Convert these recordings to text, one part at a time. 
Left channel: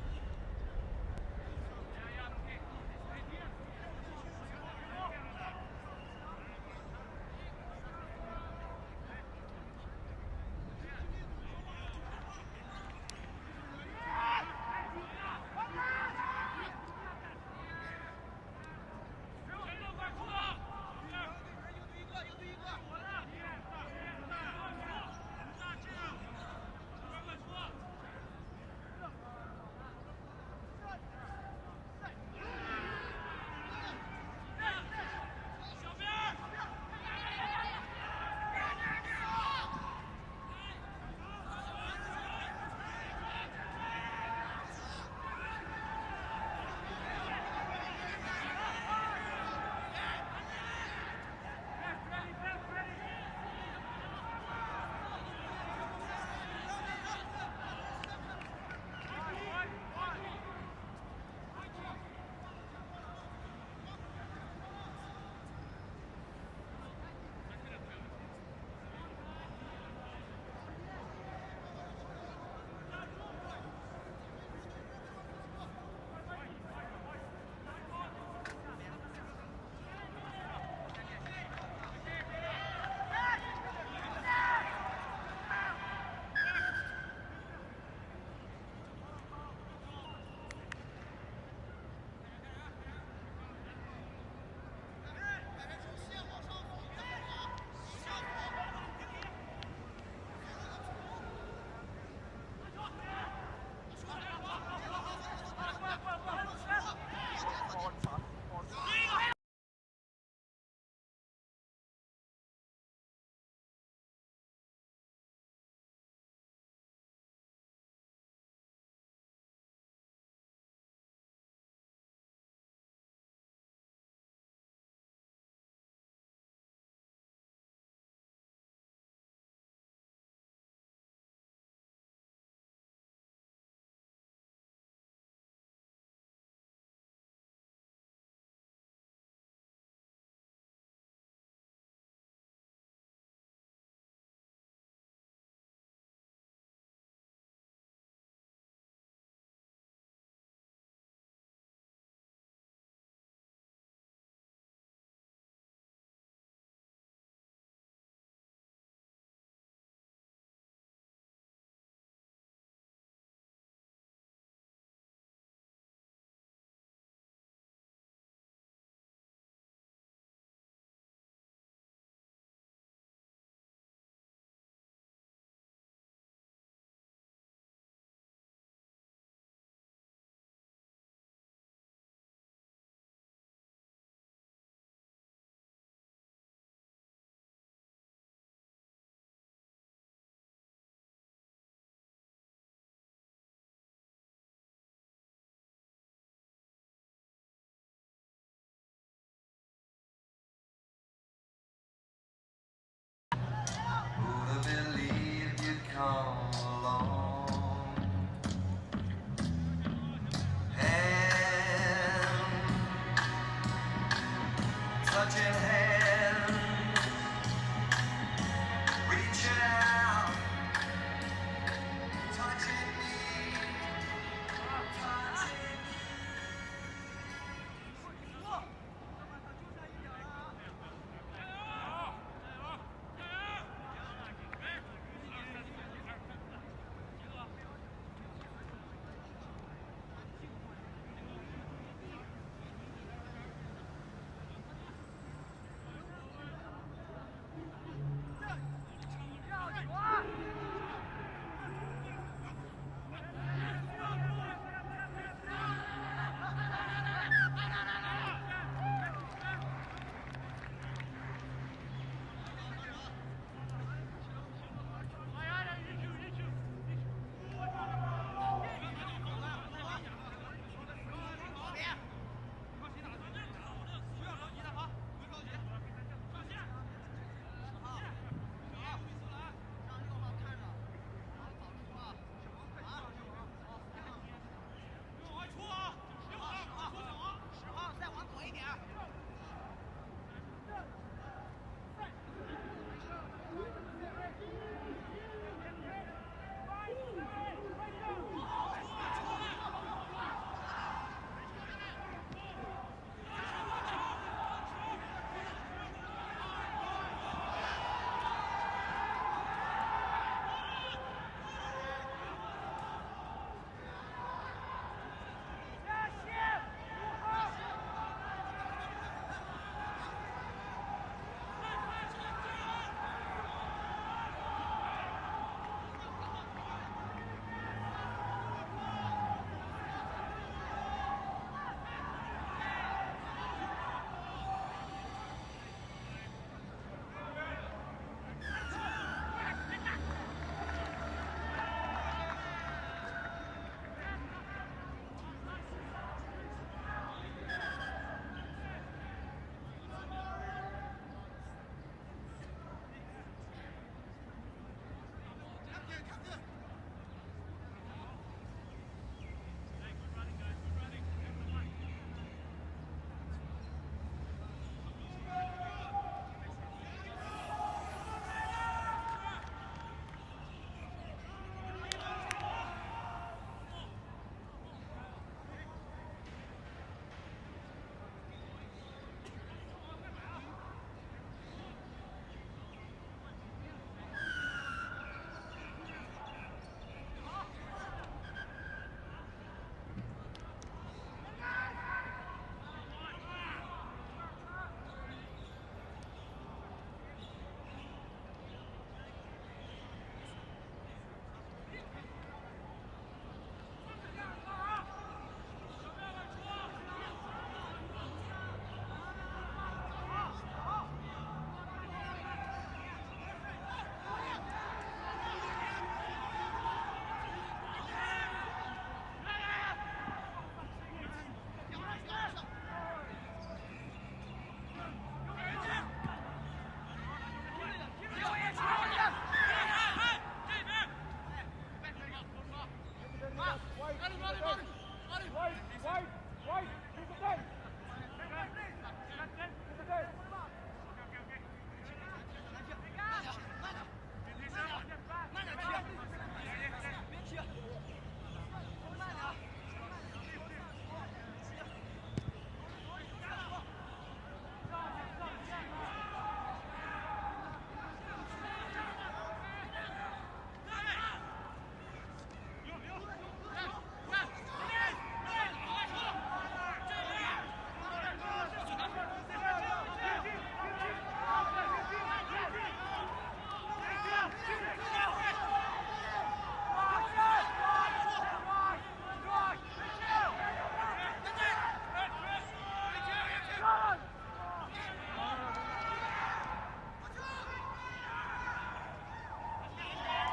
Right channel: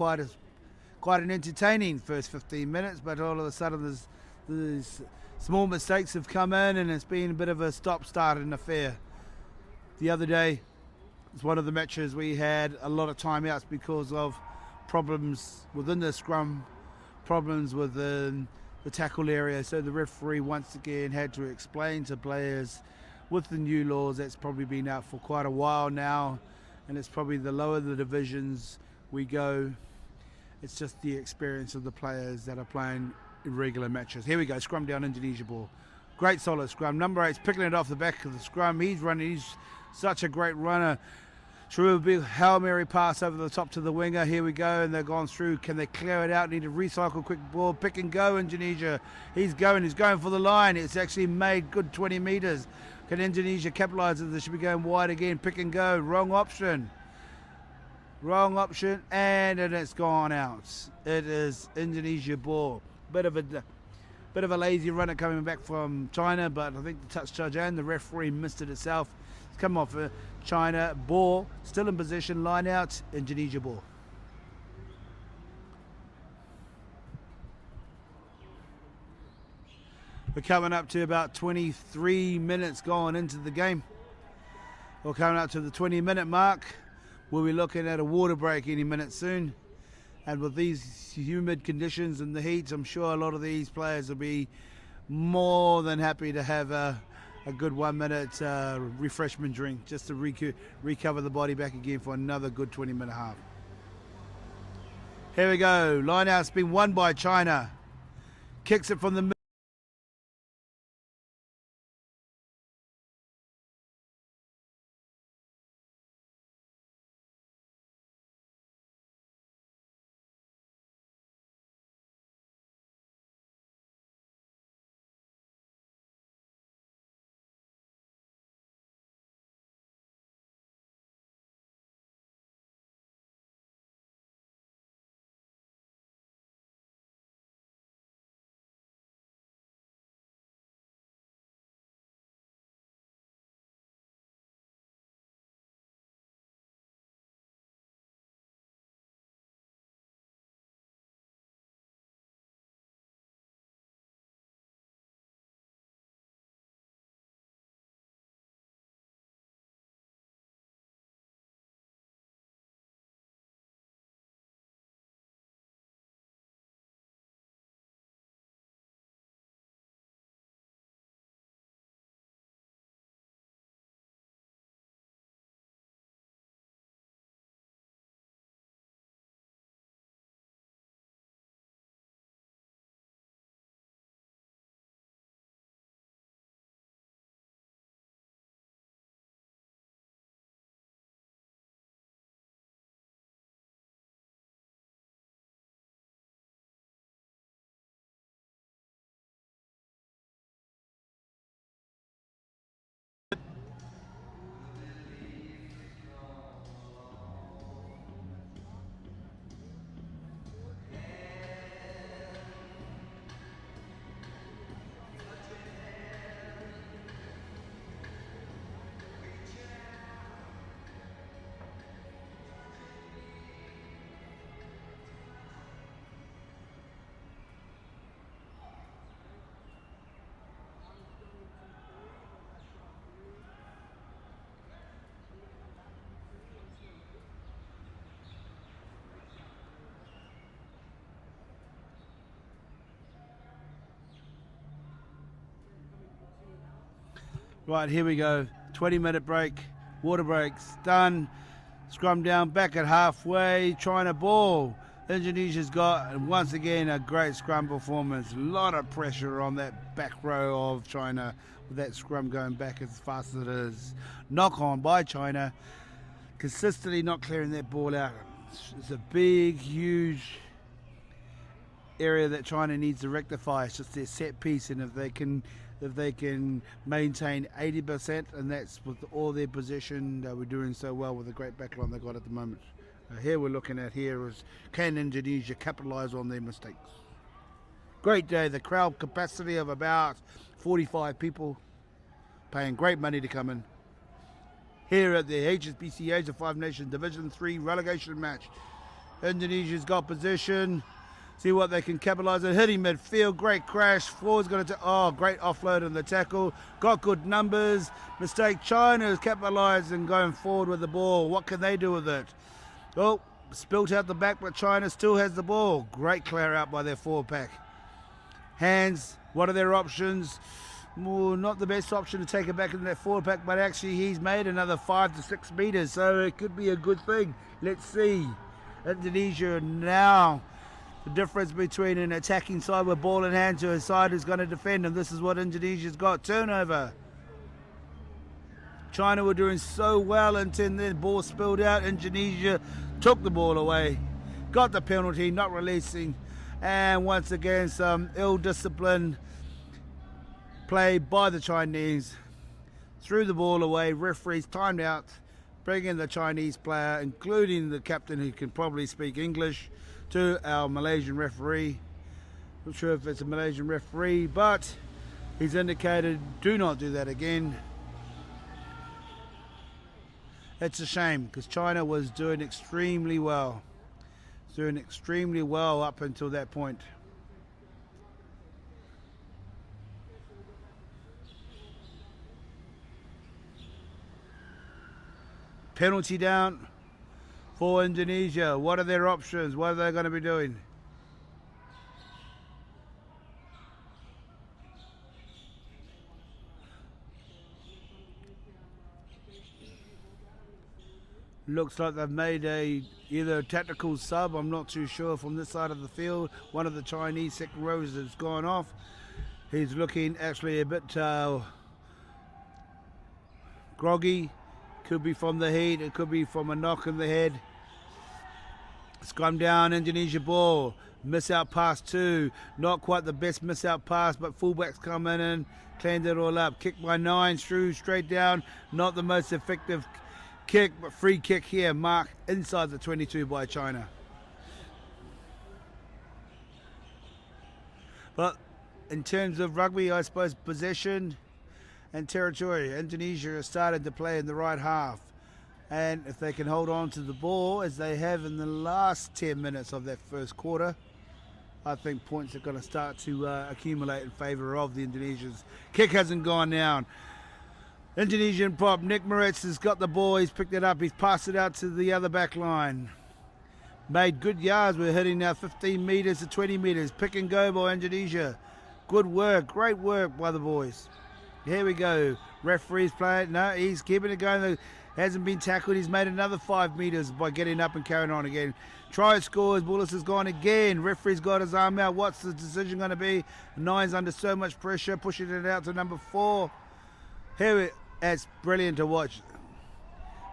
quite an entertaining first 15 minutes, but all of a sudden there's small mistakes have come in, and it's been a bit of a stop-start in affair. The other day, it's one of the matches we had a lot of timeouts because of problems within the scrum, problems within the tackle area. So the referee once again had to explain to players with the new laws that's probably been out for quite a while now, and it's probably the lower the divisions we go, it's just the experience of the players that are playing irregular matches. Here we go, scrum down, Indonesia ball. Great solid scrum. Number 8's picking it off the back of the scrum. He's running, he's such a great runner. Through a big Hail Mary pass over the top to the winger. Here we go, and they've gone through. Can they clear it out? Need to recycle quick ball. Pick and go, Indonesia. He's going for the line. It's actually made good 20 metres. Can Indonesia capitalise it? They should be going wide again. Pick and go. Wrong option. Wrong option, and it's gone out. It is Indonesia ball. Bit of a lazy runner coming back from China, but I think the touch judge and the referee missed it itself. It's come off China ball, still in position, line out, Indonesia ball. We're coming up to about 23 minutes going into the game. We're coming up to the 20-minute mark. We'll be looking at a water break any minute soon. And with these humid conditions and the heat, I'm sure a lot of these players will be more than happy to have a good 1 minute refreshment drink just to recover the body back again for another good 20-minute half. Here we go. Line out's been won by China. Kicks it from the middle. Right, here we go. 20-minute break. Water breaks done. Scrum down, back at halfway. China ball. Indonesia's got, once again, a great scrum performance. A lot of pressure on that back row of China. With that scrum going back as fast as it is. Knock on by China. Consistently not clearing that ball out. It's a big, huge area that China needs to rectify. It's just their set piece, and if they can maintain 80%, and that's with all their possession, we're doing so well with the great backline they've got at the moment. Here we're looking at here is, can Indonesia capitalise on their mistakes? Great day. The crowd capacity of about 45 people, paying great money to come in. Here at the HSBC Age of Five Nations Division 3 relegation match. Indonesia's got position. See what they can capitalise on. Hitting midfield, great crash. Forward's got to great offload on the tackle. Got good numbers. Mistake. China has capitalised and going forward with the ball. What can they do with it? Well, spilt out the back, but China still has the ball. Great clear out by their forward pack. Hands, what are their options? Well, not the best option to take it back into that forward pack, but actually he's made another 5 to 6 metres, so it could be a good thing. Let's see. Indonesia now. The difference between an attacking side with ball in hand to a side who's going to defend, and this is what Indonesia's got. Turnover. China were doing so well until the ball spilled out. Indonesia took the ball away, got the penalty, not releasing, and once again some ill-disciplined play by the Chinese. Threw the ball away, referees timed out, bring in the Chinese player, including the captain who can probably speak English, to our Malaysian referee. Not sure if it's a Malaysian referee, but he's indicated do not do that again. It's a shame because China was doing extremely well. Doing extremely well up until that point. Penalty down for Indonesia. What are their options? What are they going to be doing? Looks like they've made either a tactical sub, I'm not too sure, from this side of the field. One of the Chinese second rows has gone off. He's looking actually a bit groggy. Could be from the heat, it could be from a knock in the head. Scrum down, Indonesia ball. Miss out pass 2. Not quite the best miss out pass, but fullbacks come in and cleaned it all up. Kick by 9, through straight down. Not the most effective kick, but free kick here, marked inside the 22 by China. But in terms of rugby, I suppose possession and territory, Indonesia has started to play in the right half. And if they can hold on to the ball as they have in the last 10 minutes of that first quarter, I think points are going to start to accumulate in favour of the Indonesians. Kick hasn't gone down. Indonesian prop, Nick Moritz has got the ball, he's picked it up, he's passed it out to the other back line. Made good yards, we're hitting now 15 metres to 20 metres. Pick and go by Indonesia. Good work, great work by the boys. Here we go, referee's playing, no, he's keeping it going, hasn't been tackled, he's made another 5 metres by getting up and carrying on again. Try scores, Bullis has gone again, referee's got his arm out, what's the decision going to be? 9's under so much pressure, pushing it out to number 4. Here it's brilliant to watch.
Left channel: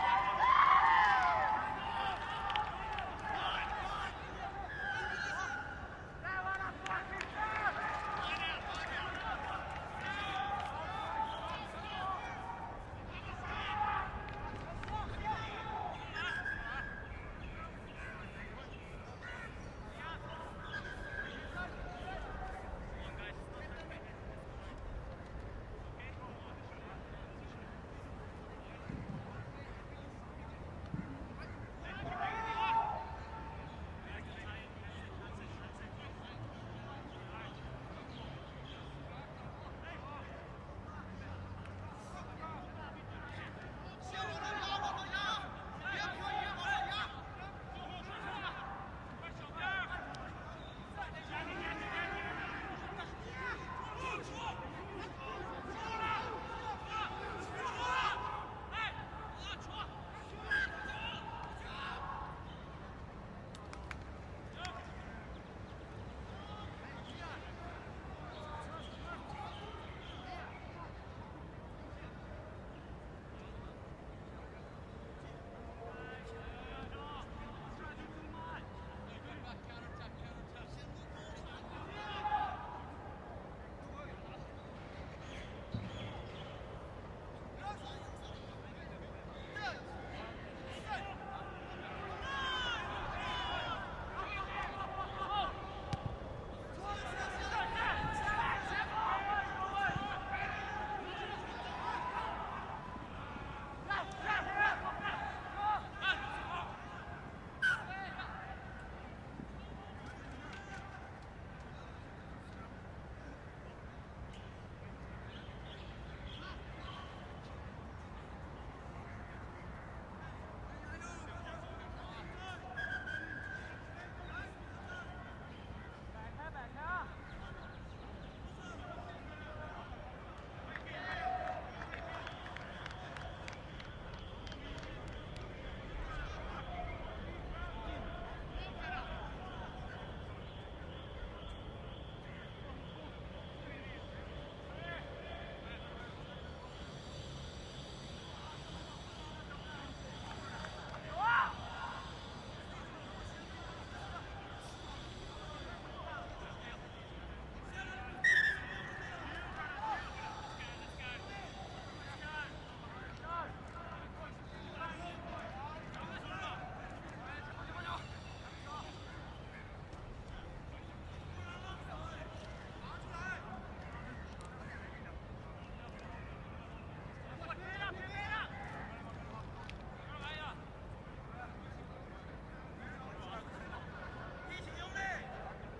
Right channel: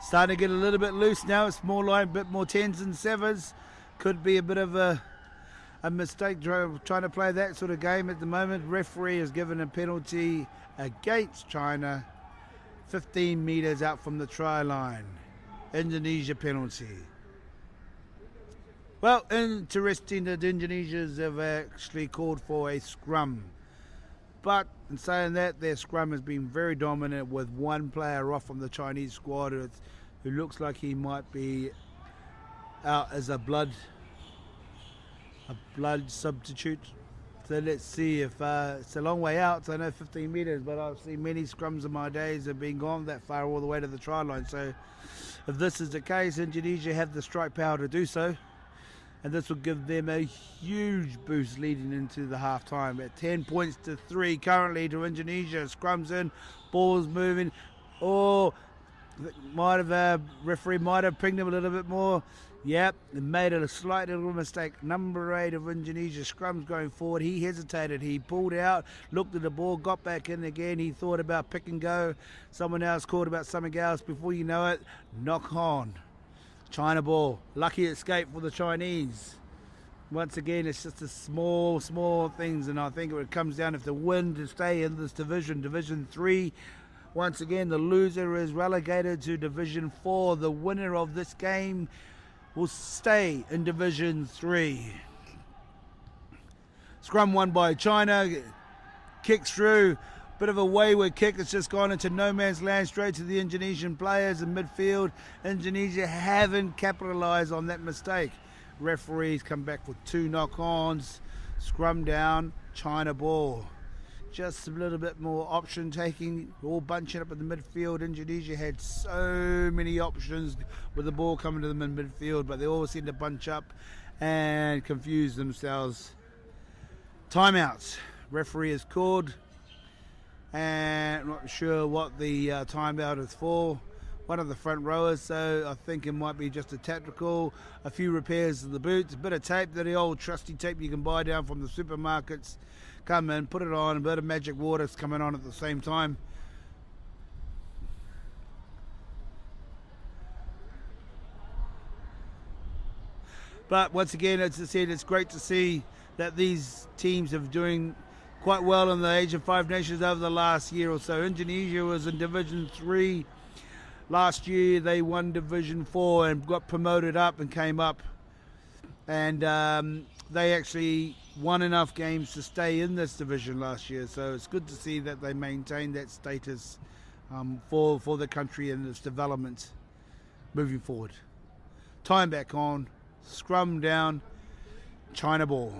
Starting to get a little bit loose now. It's more like a bit more 10s and 7s. Could be a bit of a mistake trying to play that sort of game at the moment. Referee has given a penalty against China, 15 metres out from the try line. Indonesia penalty. Well, interesting that Indonesians have actually called for a scrum. But in saying that, their scrum has been very dominant with one player off from the Chinese squad who looks like he might be out as a blood substitute. So let's see if it's a long way out. So I know 15 metres, but I've seen many scrums in my days have been gone that far all the way to the try line. So if this is the case, Indonesia have the strike power to do so. And this will give them a huge boost leading into the half-time. At 10 points to 3 currently to Indonesia. Scrums in, ball's moving. Or referee might have pinged him a little bit more. Yep, they made a slight little mistake. Number 8 of Indonesia, Scrum's going forward. He hesitated, he pulled out, looked at the ball, got back in again. He thought about pick and go. Someone else called about something else. Before you know it, knock on. China ball, lucky escape for the Chinese. Once again, it's just a small things, and I think it comes down if they win to stay in this division, Division 3. Once again, the loser is relegated to Division 4. The winner of this game will stay in Division 3. Scrum won by China, kicks through. Bit of a wayward kick, it's just gone into no man's land straight to the Indonesian players in midfield. Indonesia haven't capitalised on that mistake. referees come back with 2 knock-ons. Scrum down, China ball. Just a little bit more option taking, all bunching up in the midfield. Indonesia had so many options with the ball coming to them in midfield, but they all seem to bunch up and confuse themselves. Timeouts. Referee is called, and I'm not sure what the timeout is for. One of the front rowers, so I think it might be just a tactical, a few repairs to the boots, a bit of tape, the old trusty tape you can buy down from the supermarkets. Come in, put it on, a bit of magic water's coming on at the same time. But once again, as I said, it's great to see that these teams are doing quite well in the Asian 5 Nations over the last year or so. Indonesia was in Division 3. Last year they won Division 4 and got promoted up and came up. And they actually won enough games to stay in this division last year. So it's good to see that they maintain that status for the country and its development moving forward. Time back on, scrum down, China ball.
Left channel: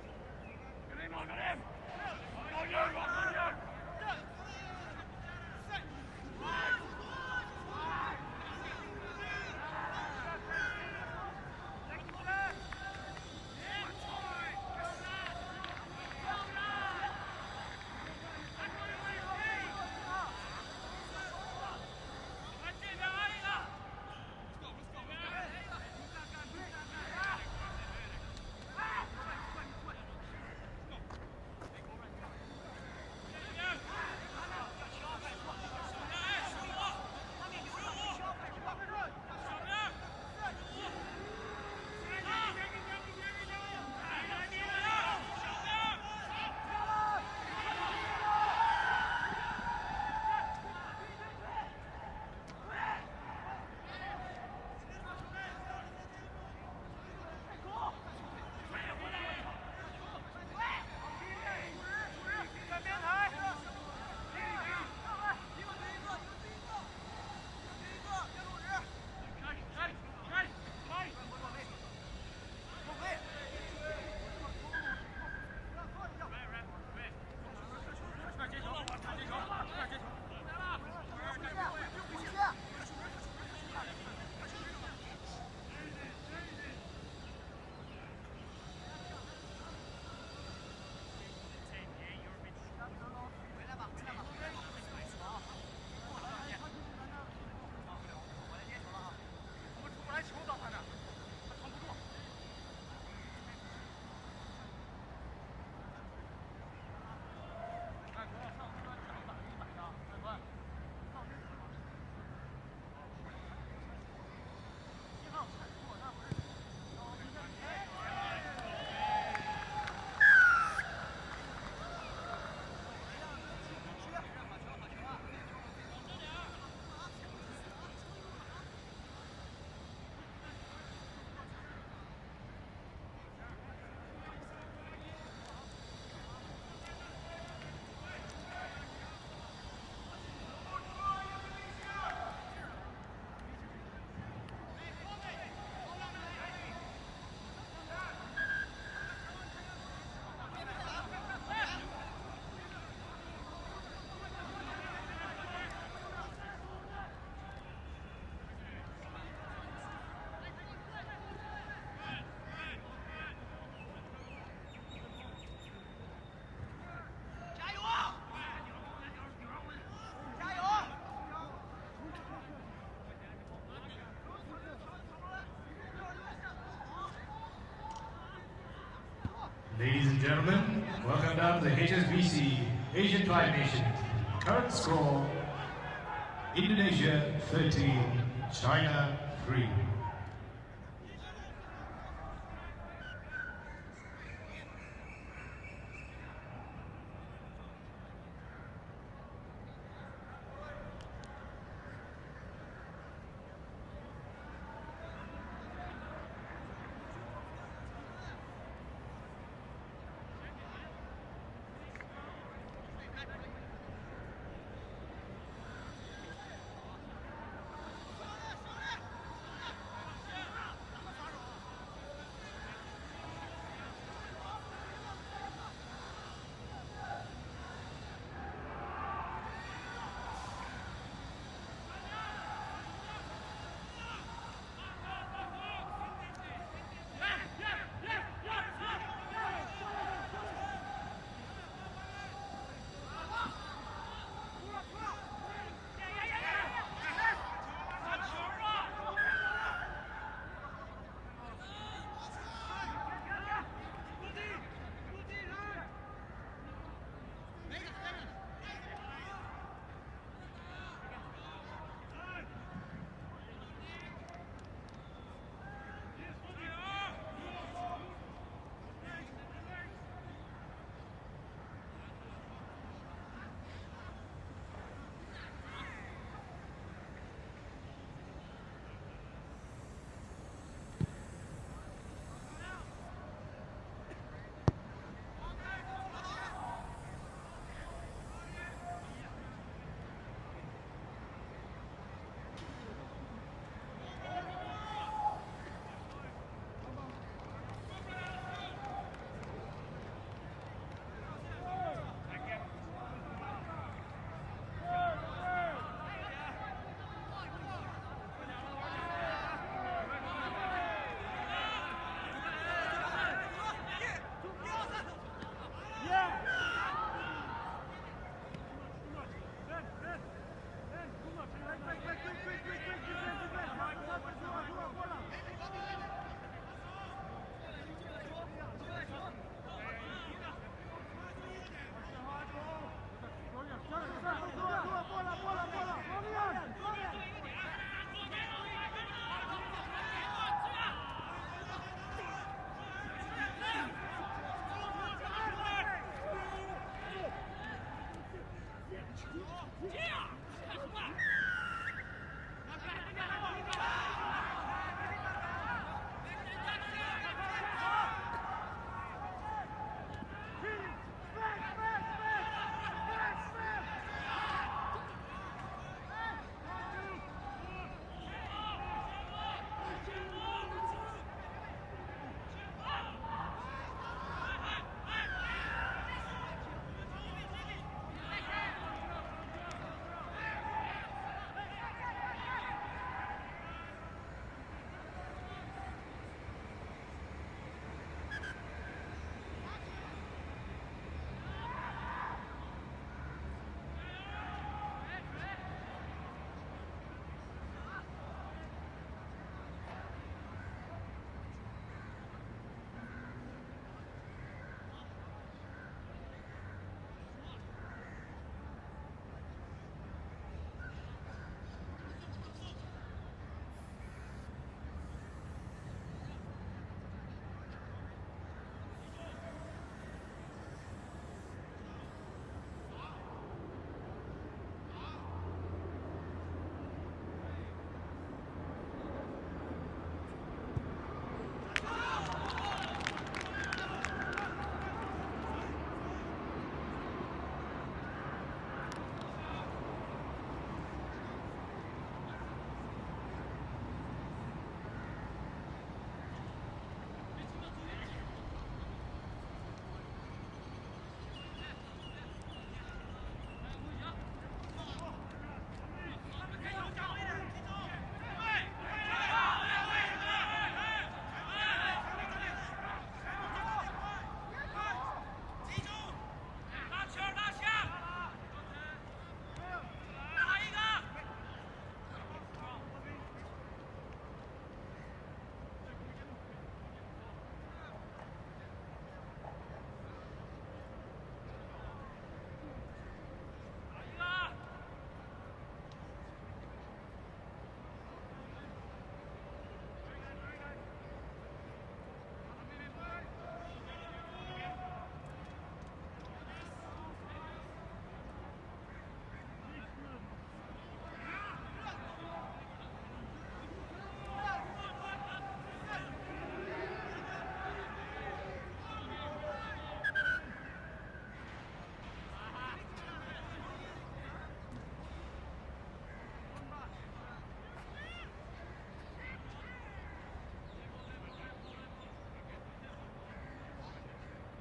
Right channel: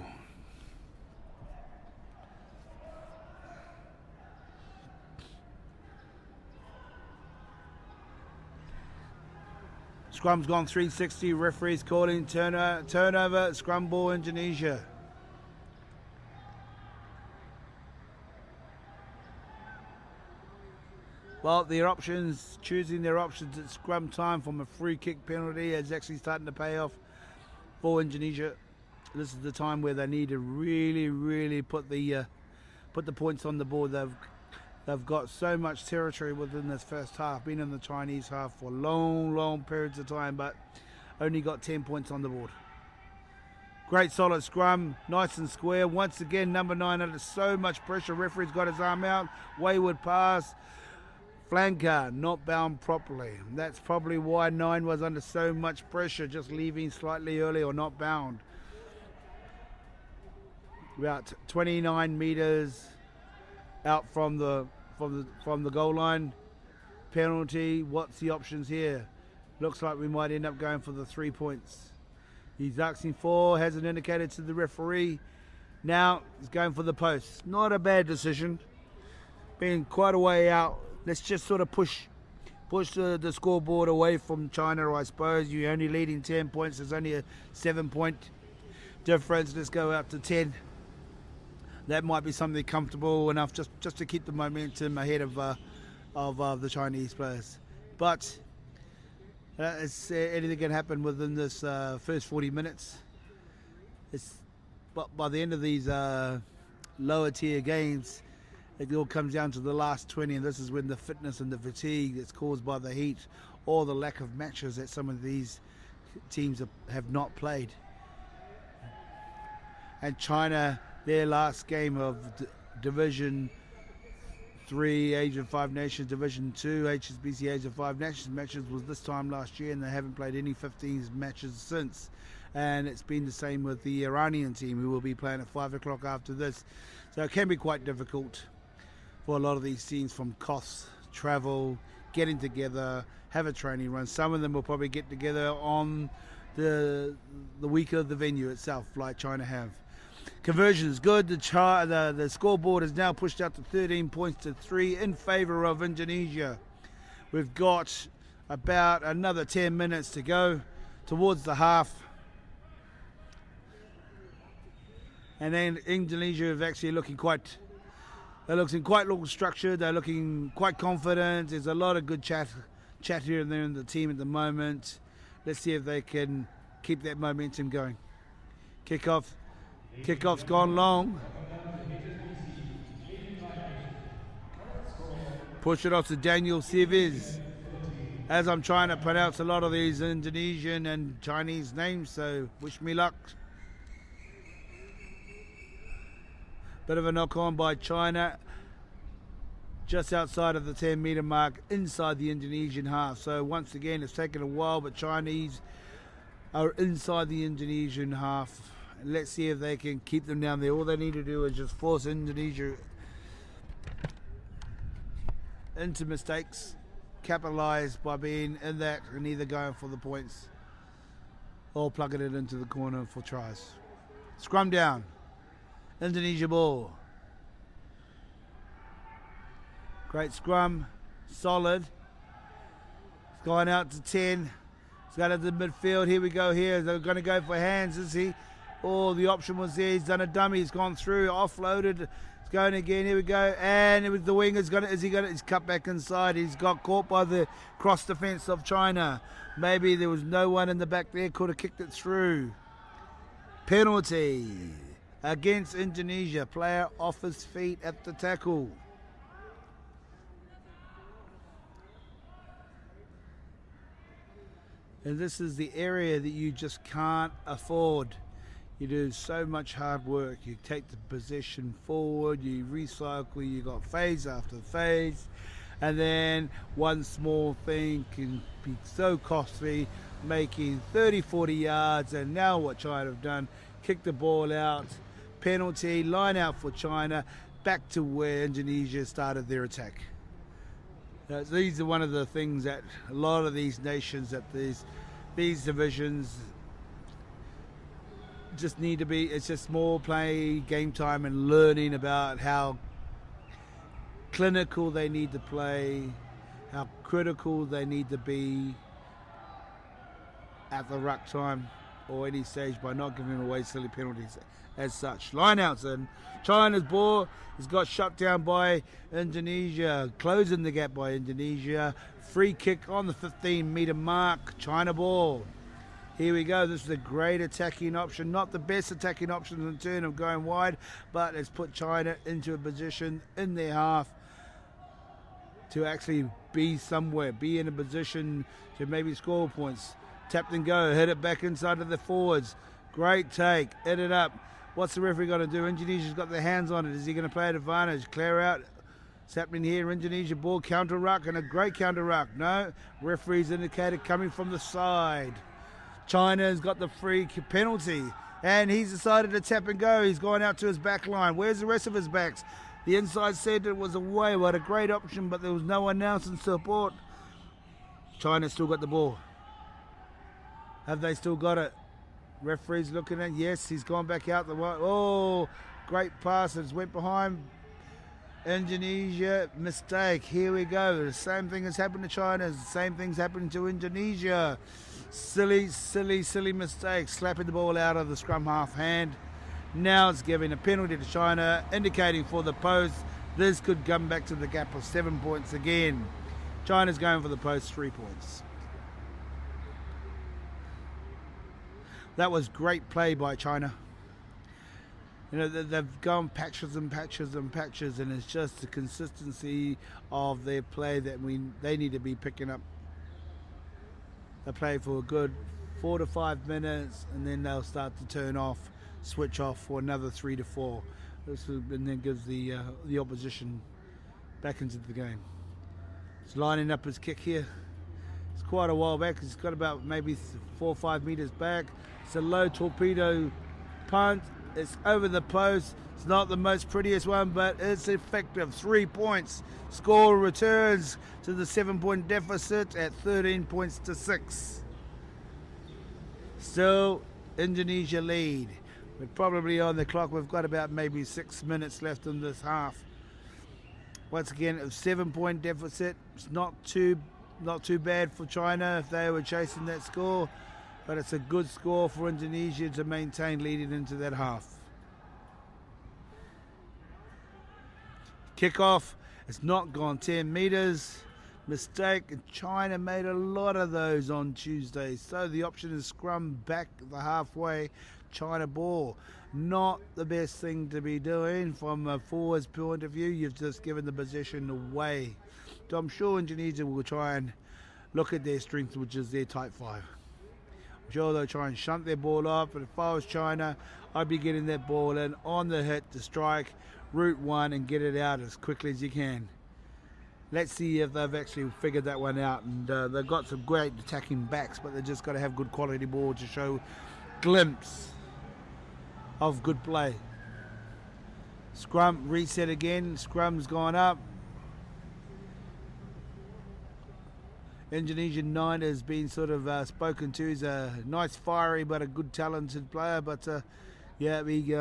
Scrum's gone 360, referees calling turnover, scrum ball Indonesia. Well, choosing their options at scrum time from a free kick penalty is actually starting to pay off for Indonesia. This is the time where they need to really put the points on the board. They've got so much territory within this first half, been in the Chinese half for long periods of time, but only got 10 points on the board. Great solid scrum, nice and square. Once again, number 9 under so much pressure. Referee's got his arm out, wayward pass. Flanker not bound properly. That's probably why 9 was under so much pressure, just leaving slightly early or not bound. About 29 meters out from the goal line. Penalty. What's the options here? Looks like we might end up going for the 3 points. He's asking for, hasn't indicated to the referee. Now he's going for the post. Not a bad decision. Being quite a way out. Let's just sort of push the scoreboard away from China, I suppose. You're only leading 10 points. There's only a 7-point difference. Let's go up to 10. That might be something comfortable enough just to keep the momentum ahead of the Chinese players. But anything can happen within this first 40 minutes. But by the end of these lower tier games, it all comes down to the last 20, and this is when the fitness and the fatigue that's caused by the heat or the lack of matches that some of these teams have not played. And China, their last game of Division 3 Asian 5 Nations, Division 2 HSBC Asian 5 Nations matches was this time last year, and they haven't played any 15s matches since. And it's been the same with the Iranian team, who will be playing at 5 o'clock after this. So it can be quite difficult for a lot of these teams, from costs, travel, getting together, have a training run. Some of them will probably get together on the week of the venue itself, like China have. Conversion is good. The scoreboard is now pushed up to 13 points to 3 in favour of Indonesia. We've got about another 10 minutes to go towards the half. And then Indonesia is actually looking quite structured. They're looking quite confident. There's a lot of good chat here and there in the team at the moment. Let's see if they can keep that momentum going. Kickoff. Kickoff's gone long. Welcome down to HSBC Asian 5 Nations. Current score. Push it off to Daniel Sivis. As I'm trying to pronounce a lot of these Indonesian and Chinese names, so wish me luck. Bit of a knock on by China, just outside of the 10-meter mark, inside the Indonesian half. So once again, it's taken a while, but Chinese are inside the Indonesian half. Let's see if they can keep them down there. All they need to do is just force Indonesia into mistakes, capitalize by being in that and either going for the points. or plugging it into the corner for tries. Scrum down. Indonesia ball. Great scrum. Solid. Going out to 10. He's got it to the midfield. Here we go here. They're going to go for hands, is he? Oh, the option was there. He's done a dummy. He's gone through. Offloaded. He's going again. Here we go. And it was the winger's got it. Is he got it? He's cut back inside. He's got caught by the cross defence of China. Maybe there was no one in the back there. Could have kicked it through. Penalty against Indonesia. Player off his feet at the tackle. And this is the area that you just can't afford. You do so much hard work. You take the possession forward, you recycle, you got phase after phase, and then one small thing can be so costly, making 30, 40 yards, and now what China have done, kick the ball out, penalty, line out for China, back to where Indonesia started their attack. Now, these are one of the things that a lot of these nations, that these divisions just need to be, it's just more play, game time, and learning about how clinical they need to play, how critical they need to be at the ruck time or any stage by not giving away silly penalties as such. Line outs in. China's ball has got shut down by Indonesia, closing the gap by Indonesia. Free kick on the 15-metre mark. China ball. Here we go. This is a great attacking option. Not the best attacking option in turn of going wide, but it's put China into a position in their half to actually be somewhere, be in a position to maybe score points. Tapped and go. Hit it back inside of the forwards. Great take. Hit it up. What's the referee going to do? Indonesia's got their hands on it. Is he going to play at advantage? Clear out. It's happening here. Indonesia ball, counter ruck, and a great counter ruck. No, referee's indicated coming from the side. China's got the free penalty, and he's decided to tap and go. He's going out to his back line. Where's the rest of his backs? The inside said it was away. What a great option, but there was no one else in support. China's still got the ball. Have they still got it? Referee's looking at, yes, he's gone back out the right. Oh, great passes, went behind. Indonesia, mistake. Here we go. The same thing has happened to China. The same thing's happened to Indonesia. Silly, silly, silly mistake. Slapping the ball out of the scrum half hand. Now it's giving a penalty to China, indicating for the post. This could come back to the gap of 7 points again. China's going for the post, 3 points. That was great play by China. You know, they've gone patches and patches and patches, and it's just the consistency of their play that they need to be picking up. They play for a good 4 to 5 minutes, and then they'll start to turn off, switch off for another 3 to 4. And then gives the opposition back into the game. He's lining up his kick here. It's quite a while back. It's got about maybe 4 or 5 meters back. It's a low torpedo punt. It's over the post. It's not the most prettiest one, but it's effective. 3 points. Score returns to the 7-point deficit at 13 points to 6. Still, Indonesia lead. We're probably on the clock. We've got about maybe 6 minutes left in this half. Once again, a 7-point deficit. It's not too bad for China if they were chasing that score, but it's a good score for Indonesia to maintain leading into that half. Kickoff. It's not gone 10 meters. Mistake. China made a lot of those on Tuesday. So the option is scrum back the halfway. China ball. Not the best thing to be doing from a forward's point of view. You've just given the possession away. So I'm sure Indonesia will try and look at their strength, which is their tight fire. I'm sure they'll try and shunt their ball off. But if I was China, I'd be getting that ball in on the hit to strike route one and get it out as quickly as you can. Let's see if they've actually figured that one out. And they've got some great attacking backs, but they've just got to have good quality ball to show glimpse of good play. Scrum reset again. Scrum's gone up. Indonesian 9 has been sort of spoken to. He's a nice, fiery, but a good, talented player. But yeah, he's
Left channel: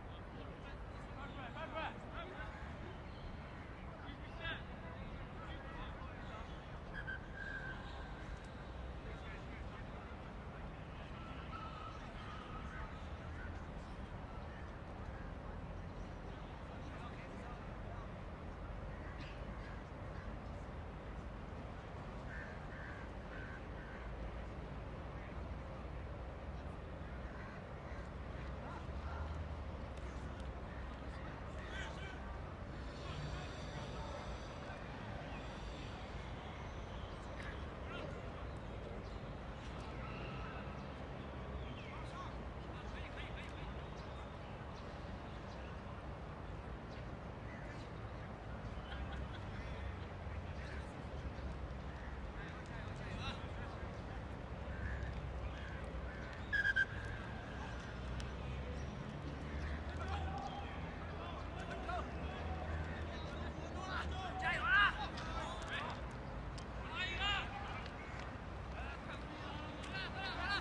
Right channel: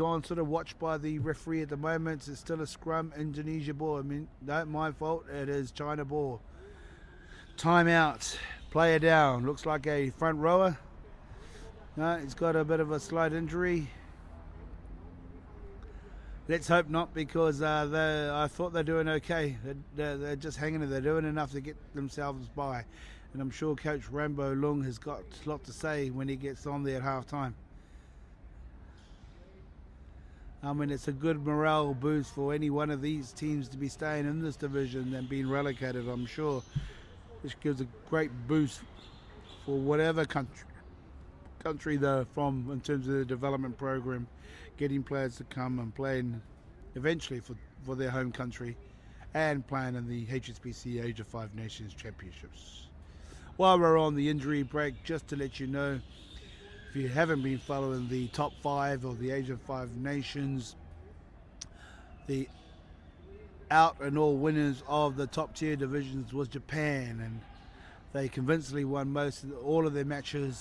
on sort of watched by the referee at the moment. It's still a scrum, Indonesia ball. I mean, not my fault. It is China ball. Timeout. Player down. Looks like a front rower. No, he's got a bit of a slight injury. Let's hope not, because I thought they're doing okay. They're just hanging in. They're doing enough to get themselves by. And I'm sure Coach Rambo Lung has got a lot to say when he gets on there at half time. I mean, it's a good morale boost for any one of these teams to be staying in this division and being relegated, I'm sure. This gives a great boost for whatever country they're from in terms of the development program, getting players to come and play eventually for their home country and playing in the HSBC Age of 5 Nations Championships. While we're on the injury break, just to let you know, if you haven't been following the top 5 of the Age of 5 Nations, the out and all winners of the top tier divisions was Japan. They convincingly won all of their matches,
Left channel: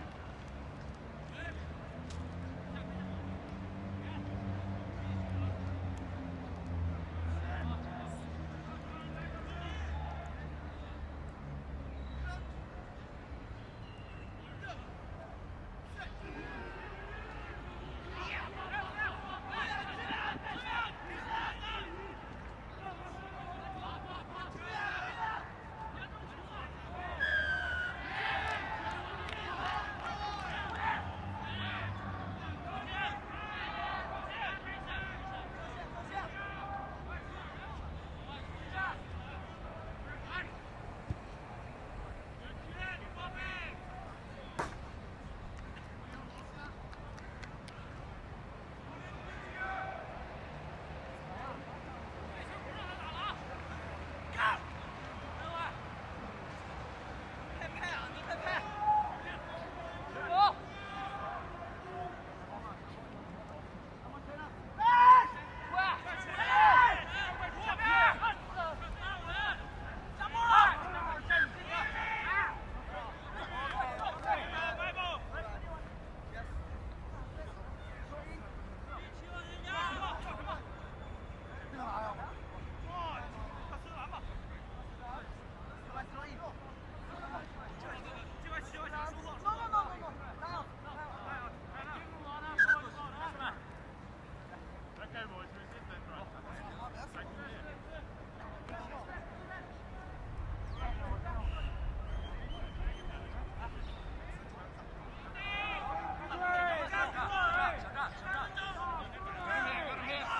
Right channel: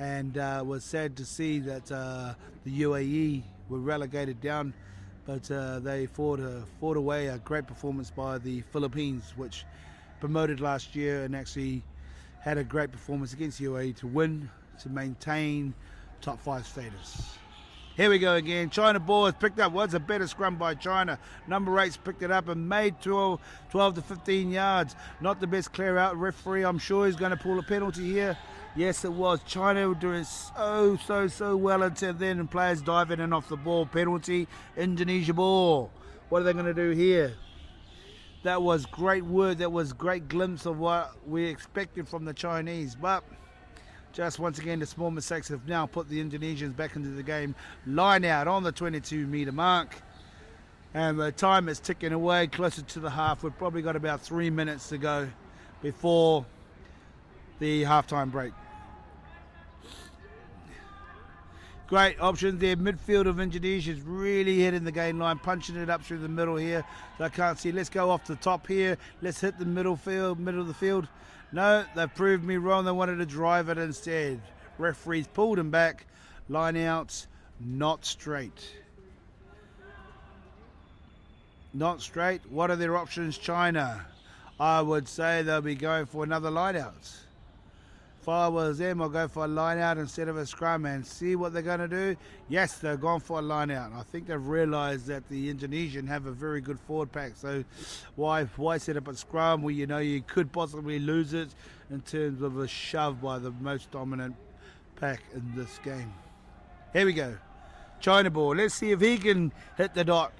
and was sad to see that the UAE were relegated down, but they fought away a great performance by the Philippines, which promoted last year and actually had a great performance against UAE to win, to maintain top 5 status. Here we go again. China ball has picked up. Was a better scrum by China. Number 8's picked it up and made 12 to 15 yards. Not the best clear out. Referee, I'm sure he's going to pull a penalty here. Yes, it was. China were doing so well until then, and players diving in off the ball. Penalty, Indonesia ball. What are they going to do here? That was great word. That was great glimpse of what we expected from the Chinese. But just once again, the small mistakes have now put the Indonesians back into the game. Line out on the 22-meter mark. And the time is ticking away closer to the half. We've probably got about 3 minutes to go before the halftime break. Great options there. Midfield of Indonesia is really hitting the game line, punching it up through the middle here. I can't see. Let's go off the top here. Let's hit the middle of the field. No, they proved me wrong. They wanted to drive it instead. Referees pulled him back. Line out, not straight. Not straight. What are their options, China? I would say they'll be going for another line out. If I was them, I'll go for a line out instead of a scrum and see what they're going to do. Yes, they're going for a line out. I think they've realised that the Indonesian have a very good forward pack. So why set up a scrum where you know you could possibly lose it in terms of a shove by the most dominant pack in this game. Here we go. China ball. Let's see if he can hit the dot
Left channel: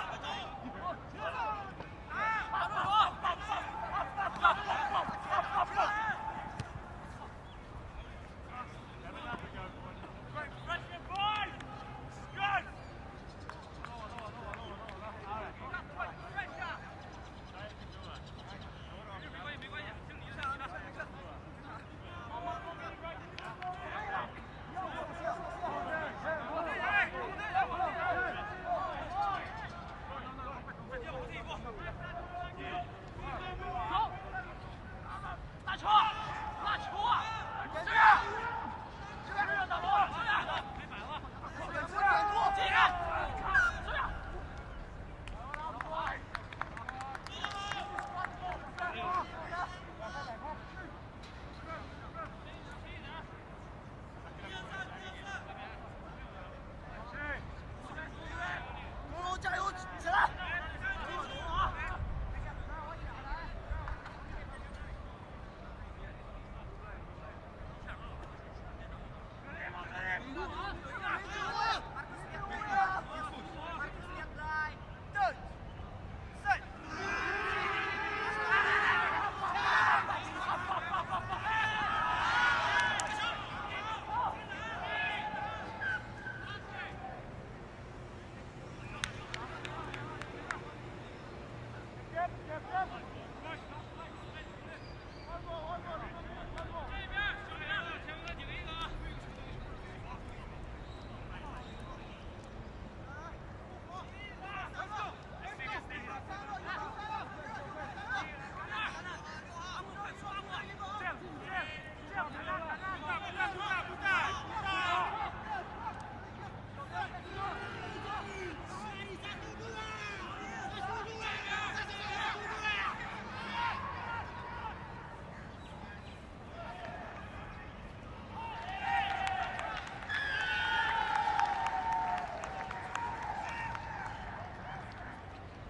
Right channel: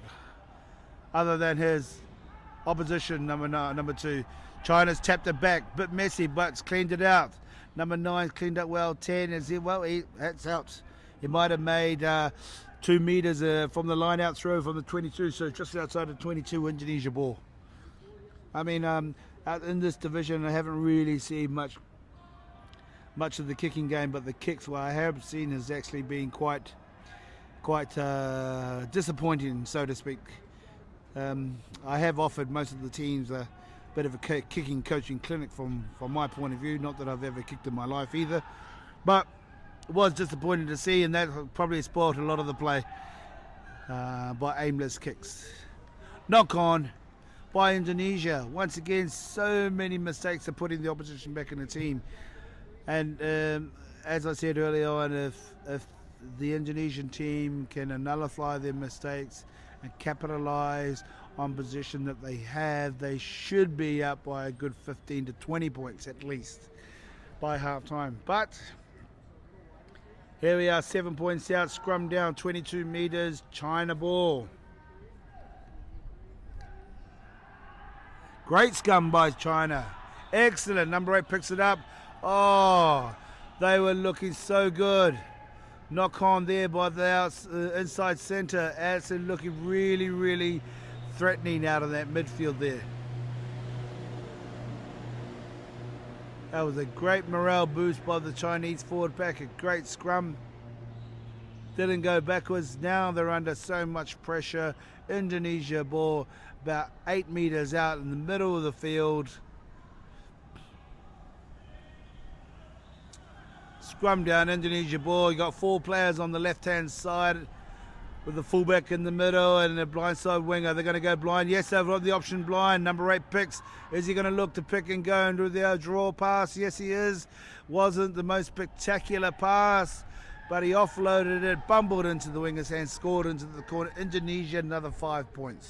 other than his opposition, number 2. China's tapped it back. Bit messy, but it's cleaned it out. Number 9 cleaned up well. 10 is here. Well, that's out. He might have made 2 meters from the line out throw from the 22, so just outside the 22 Indonesia ball. I mean, in this division, I haven't really seen much of the kicking game, but the kicks what I have seen has actually been quite disappointing, so to speak. I have offered most of the teams a bit of a kicking coaching clinic from my point of view. Not that I've ever kicked in my life either, but it was disappointing to see, and that probably spoiled a lot of the play by aimless kicks. Knock on by Indonesia. Once again, so many mistakes are putting the opposition back in the team. And as I said earlier on, if the Indonesian team can nullify their mistakes and capitalise on position that they have, they should be up by a good 15 to 20 points at least by half time. But here we are, 7 points out, scrum down, 22 meters, China ball. Great scrum by China. Excellent. Number 8 picks it up. Oh, they were looking so good. Knock on there by the inside centre. Addison looking really threatening out of that midfield there. That was a great morale boost by the Chinese forward pack. A great scrum. Didn't go backwards. Now they're under so much pressure. Indonesia ball. about 8 meters out in the middle of the field. Scrum down, Indonesia ball. You got 4 players on the left-hand side with the fullback in the middle and the blindside winger. They're going to go blind. Yes, they've got the option blind. Number 8 picks. Is he going to look to pick and go and do the draw pass? Yes, he is. Wasn't the most spectacular pass, but he offloaded it, bumbled into the winger's hand, scored into the corner. Indonesia, another 5 points.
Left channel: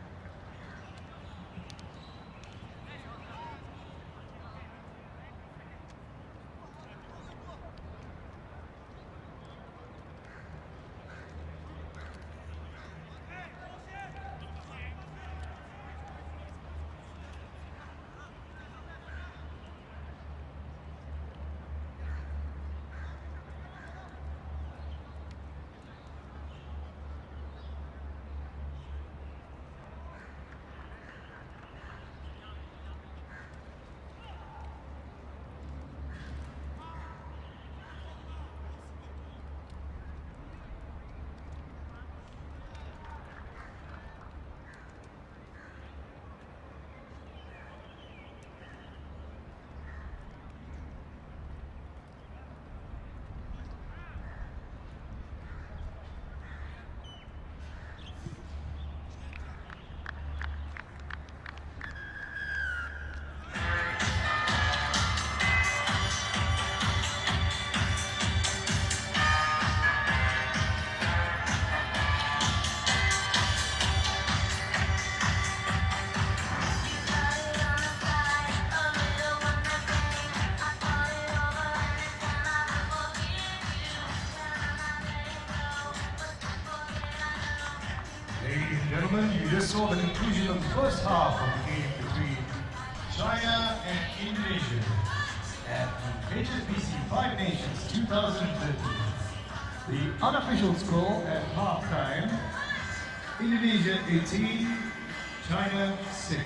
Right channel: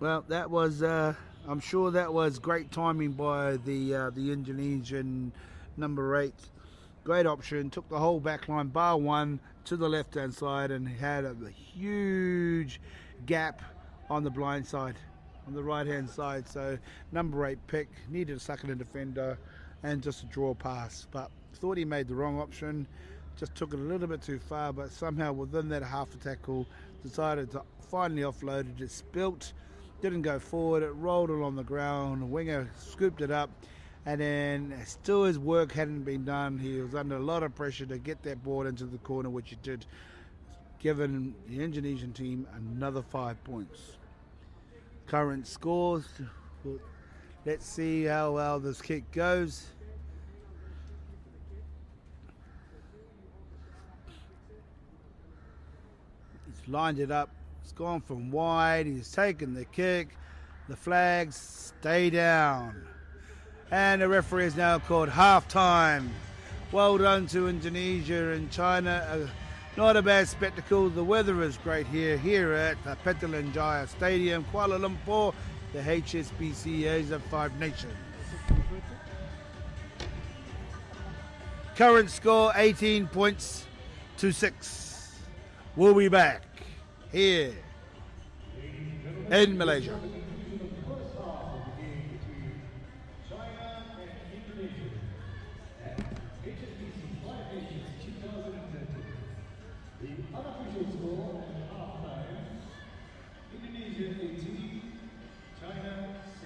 Well, that was, I'm sure that was great timing by the Indonesian number 8. Great option, took the whole back line, bar one, to the left-hand side and had a huge gap on the blind side, on the right-hand side. So number 8 pick, needed a sucking defender and just a draw pass. But thought he made the wrong option, just took it a little bit too far, but somehow within that half a tackle, decided to finally offload it. It spilt. Didn't go forward, it rolled along the ground, the winger scooped it up, and then still his work hadn't been done. He was under a lot of pressure to get that ball into the corner, which he did, giving the Indonesian team another 5 points. Current scores, let's see how well this kick goes. He's lined it up. It's gone from wide, he's taken the kick, the flags stay down. And the referee has now called half-time. Well done to Indonesia and China. Not a bad spectacle, the weather is great here at the Petalingaya Stadium, Kuala Lumpur, the HSBC Asia 5 Nations. Current score 18 points to 6. We'll be back here. Ladies and gentlemen, this saw the conclusion of the first half of the game between China and Indonesia at the HSBC 5 Nations 2015. The unofficial score at halftime, Indonesia 18, China 6.